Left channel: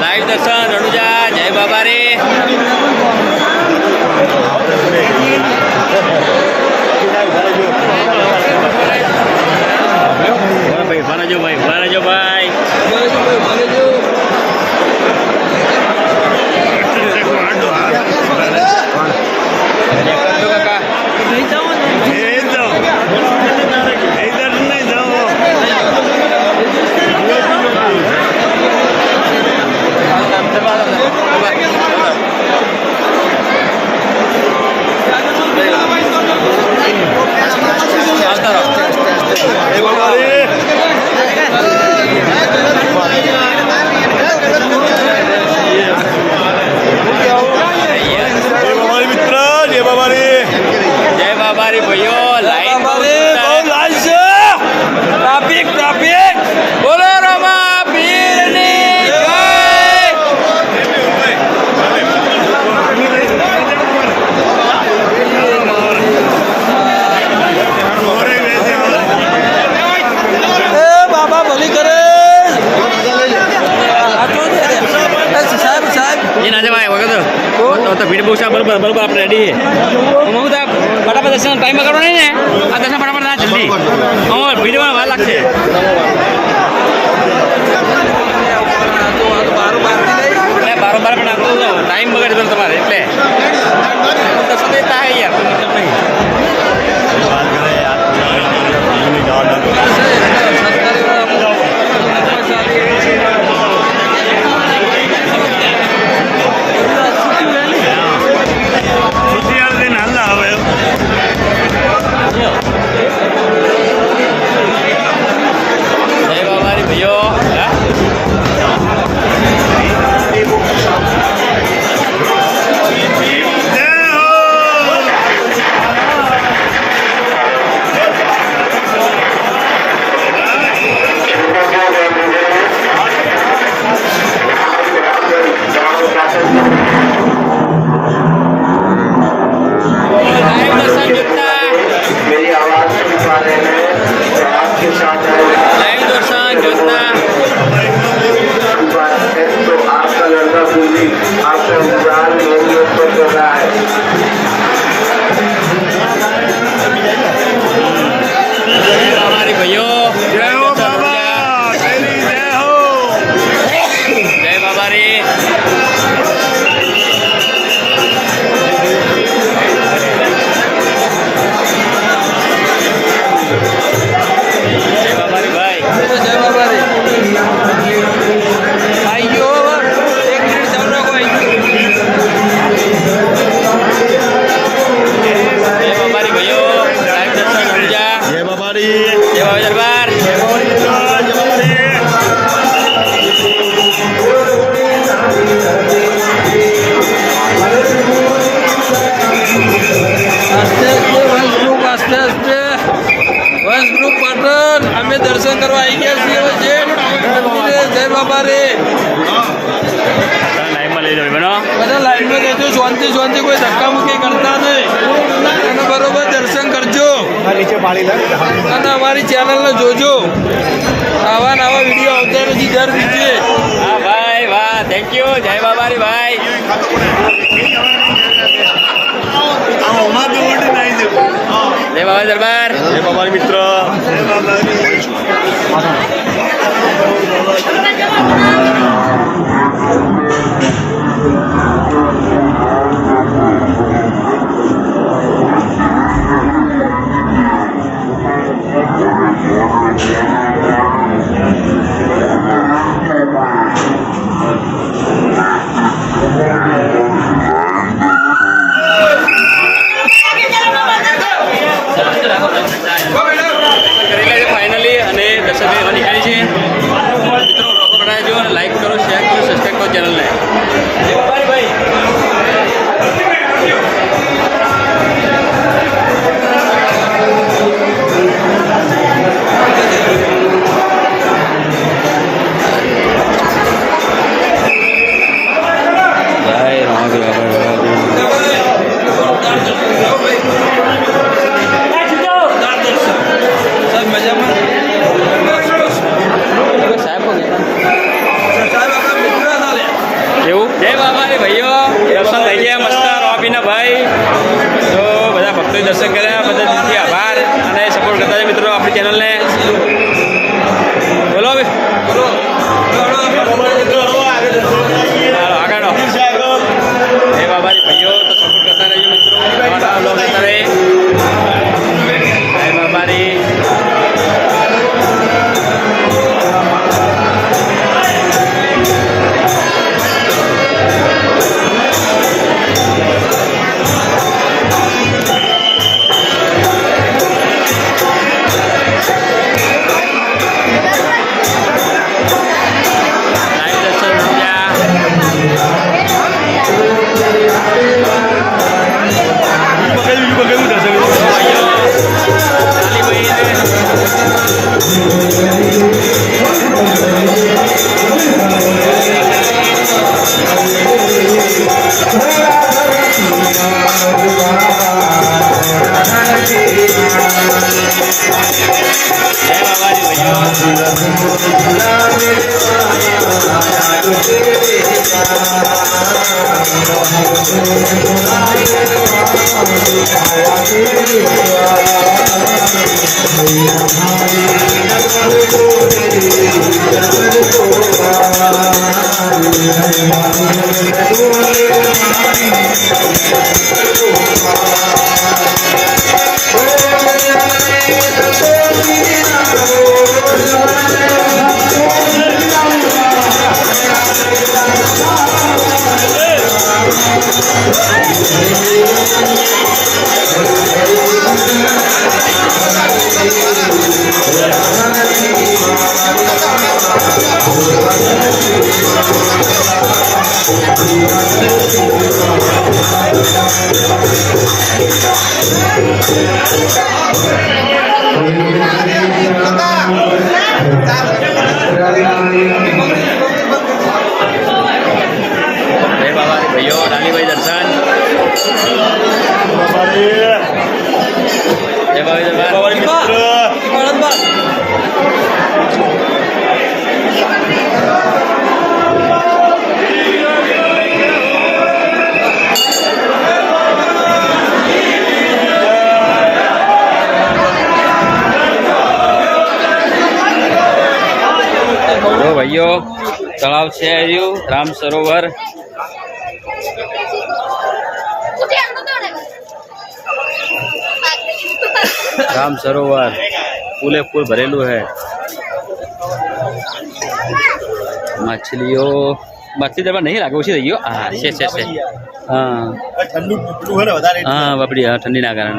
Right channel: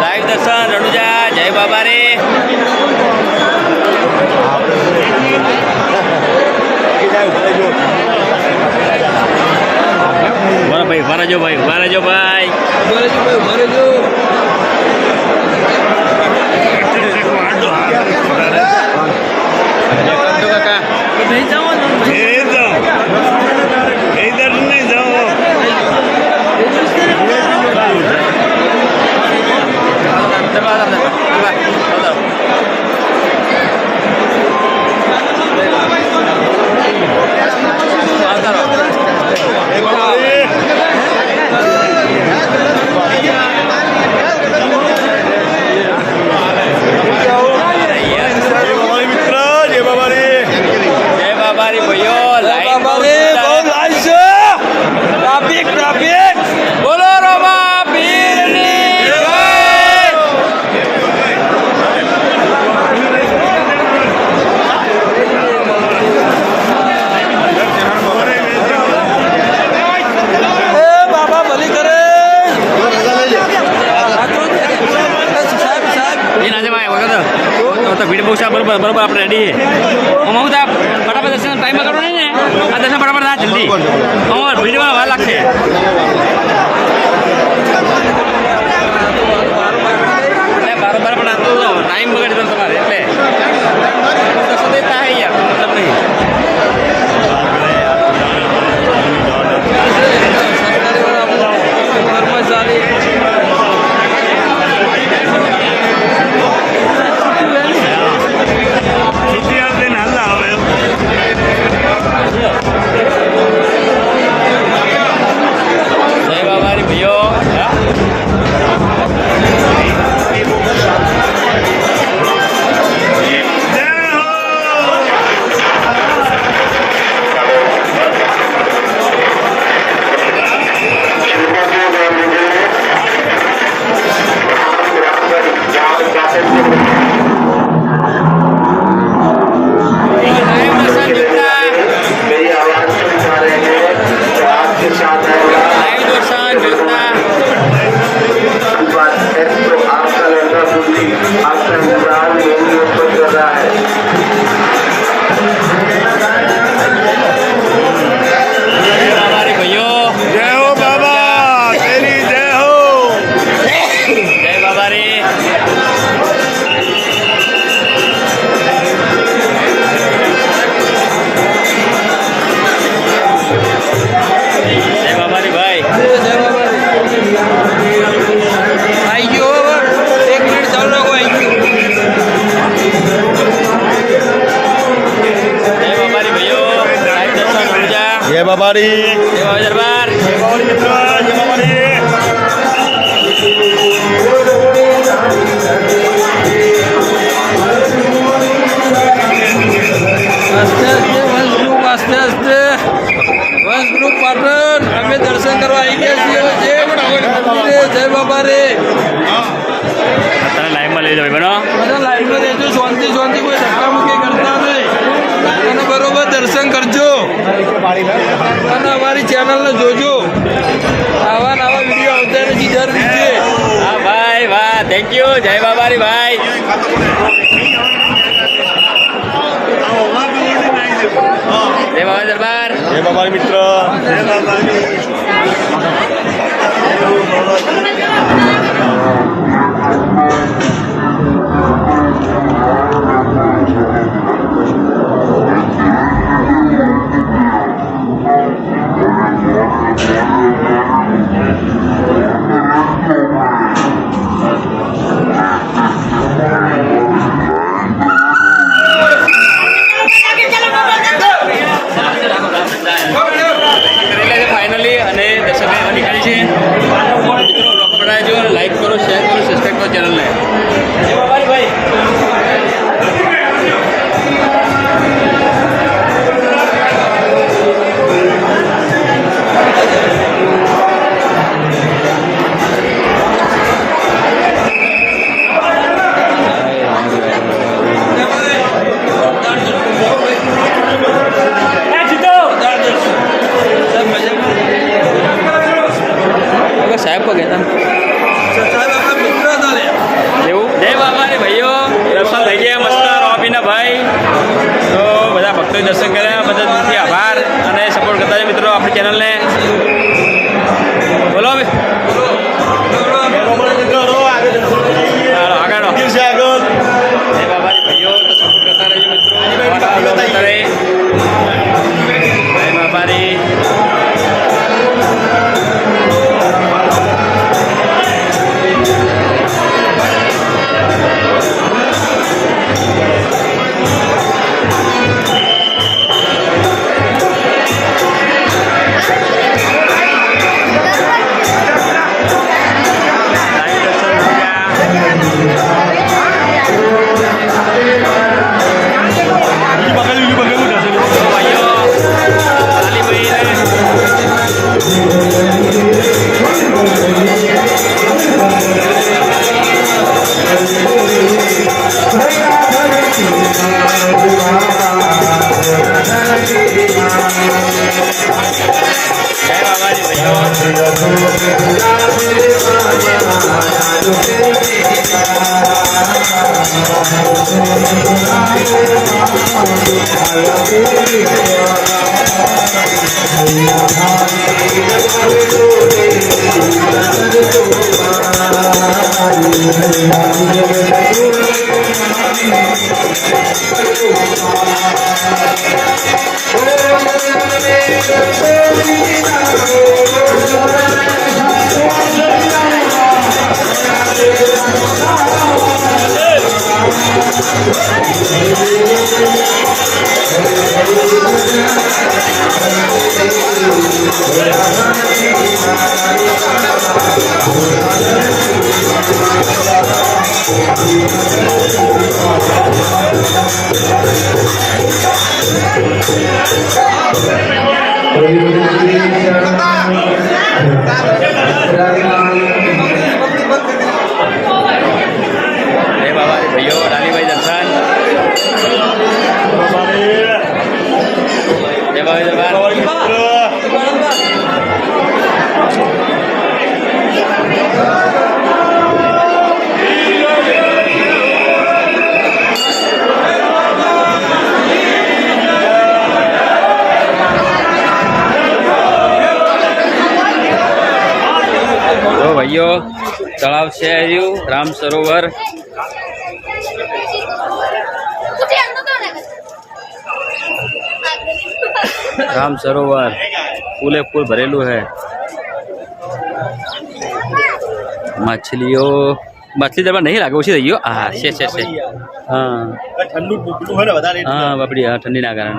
Live દર્શન રણુજા જય બાબા રે ભરાજો ભાઈ ભરાજો ભાઈ કાકા બાબારી ભાઈઓ લાઈન બહુ લાઈન છે ટ્રાફિક ટ્રાફિક બોલો રમા પીરની જય બાબા ભલી કરે સાહેબ સાહેબ એ ના જવાય વગર તો ભીડ બહુ સાહેબ બરોબર બરોબર આપણે રેડી હું સાહેબ ફટાફટ દર્શન ટાઈમ બગાડો નહીં ને આ દર્શન ફટાફટ ના જલ્દી ભીડમાં વાર લાગશે બારોબાર પણ આપતો ટાઈમ બગાડજો તમારે એટલે દર્શન દેતા હોય મતલબ નહીં જય બાબારી ભાઈઓ દરબાર વંશ ગ્રુપ પાટણ અમે દર્શન કરવા આવી ગયા છીએ જય બાબા રે બધા લાઈનમાં રહેજો શાંતિ શાંતિ કોઈ ધક્કા મૂકી કરતા નહીં અને બરોબર દર્શન કરજો અને અમારી ચેનલને જોજો આવા નવા વિડીયો આવતા નથી દર રીતે હા ભાઈ વાહ થેન્ક યુ જય બાબારી ભાઈ જય બાબા દરબાર જય બાબારી મિત્ર ફાઇનલી અને દર્શક નીકળી છે મિત્રો લોકો બનાવજો અને લાઈક કરો શેર કરો સબસ્ક્રાઈબ કરો ચેનલને થઈ ગયા મસ્ત રોબીના ભાઈ. તો બધા ભક્તોએ દર્શન કર્યા, બધા દિલથી આભાર અને સપોર્ટ કરતા છે મિત્રો આપણી ચેનલને. બોલો આગળ એ બાબારી ભાઈઓ તો સપોર્ટ કરતા રહેજો મિત્રો, નવા નવા બ્લોગ કરતા રહે. જય બાબારી. જય બાબાજી ભાઈઓ. જય બાબારી ભાઈઓ, ડાલીભાઈ દર્શન. જય બાબારી દરબાર. જો ભાઈઓ તળાવ છે આવ્યું રામ સરોવર. राम सरोवर फूले फूल भरेलू है. मछली दरबार नहीं लागे उसी रही हो. हाँ से हाँ हाँ बापड़ी हाँ ठंडी ना कारण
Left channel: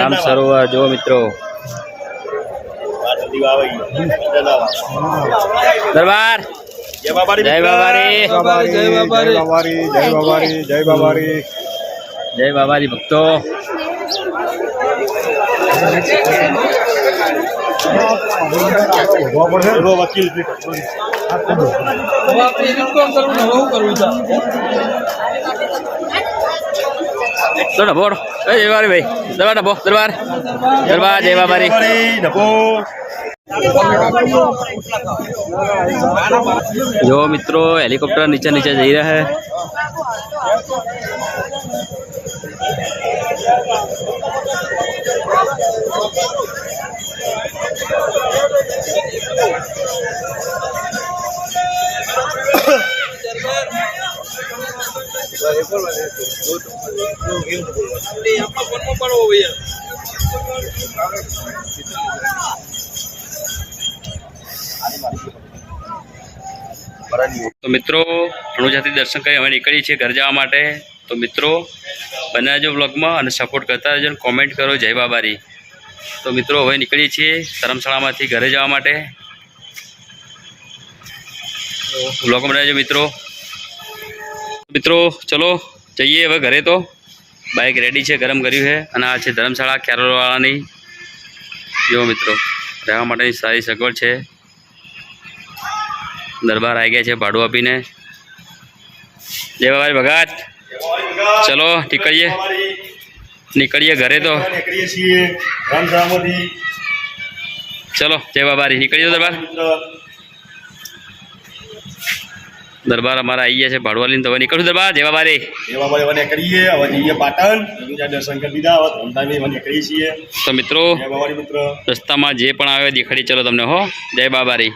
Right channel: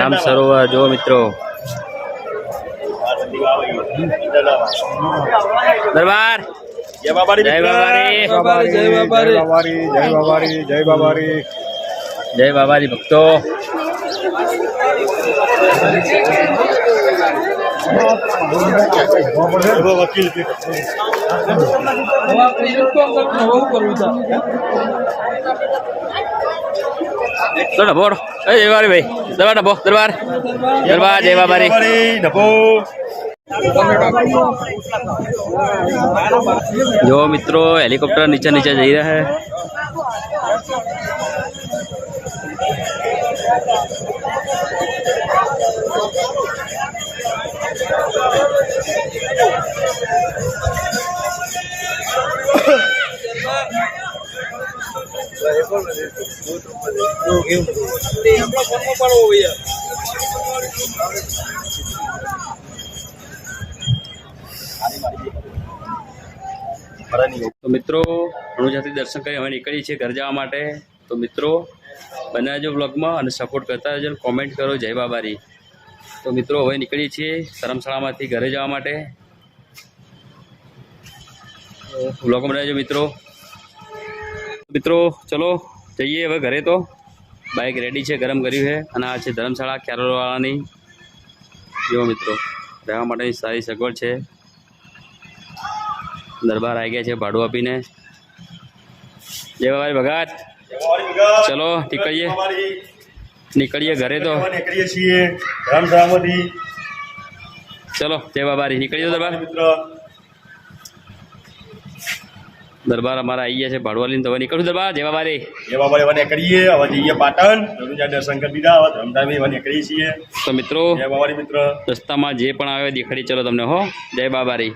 राम सरोवर जो मित्रों दरबार. जय बाबारी जय बाबारी. जय बाबारी. जय बाबारी. जय बाबारी. जय बाबारी भक्तों. वकील तो डबो जय बाबारी भाई दरबार डबो दरबार दरबार जय बाबारी डबो. जो मित्रों हेलीकॉप्टर नीचे नीचे जा रहा है. तो मित्रों रણુજાથી દર્શન કરી હવે નીકળી છે ઘર જવા માટે. તો મિત્રો બને રહેજો વ્લોગમાં અને સપોર્ટ કરતા રહેજો, કોમેન્ટ કરો જય બાબારી. તો મિત્રો હવે નીકળીએ છીએ ધર્મશાળામાંથી ઘરે જવા માટે. વ્લોગમાં રહેજો મિત્રો. મિત્રો ચલો જઈએ હવે ઘરે. તો બાઇક રેડી છે, ગરમ કર્યું છે અને આ છે ધર્મશાળા કેરોલવાળાની. જો મિત્રો રહેવા માટેની સારી સગવડ છે. દરબાર આવી ગયા છે ભાડું આપીને. જય બાબારી ભગત. ચલો નીકળીએ ઘરે. તો નીકળીએ છીએ રામધામથી. ચલો જય બાબારી નીકળીએ દરબાર. દરબાર અમારા આવી ગયા છે ભાડવાલીને તો હવે નીકળું દરબાર જય બાબા રે. જય બાબા મને કરીએ હવે જઈએ પાટણ રણુજા દર્શન કરી દીધા હવે ધરમધામ મને કરીએ છીએ. તો મિત્રો જય બાબારી મિત્ર. રસ્તામાં જે પણ આવે દેખાડી ચલો તમને હો. જય બાબા રે.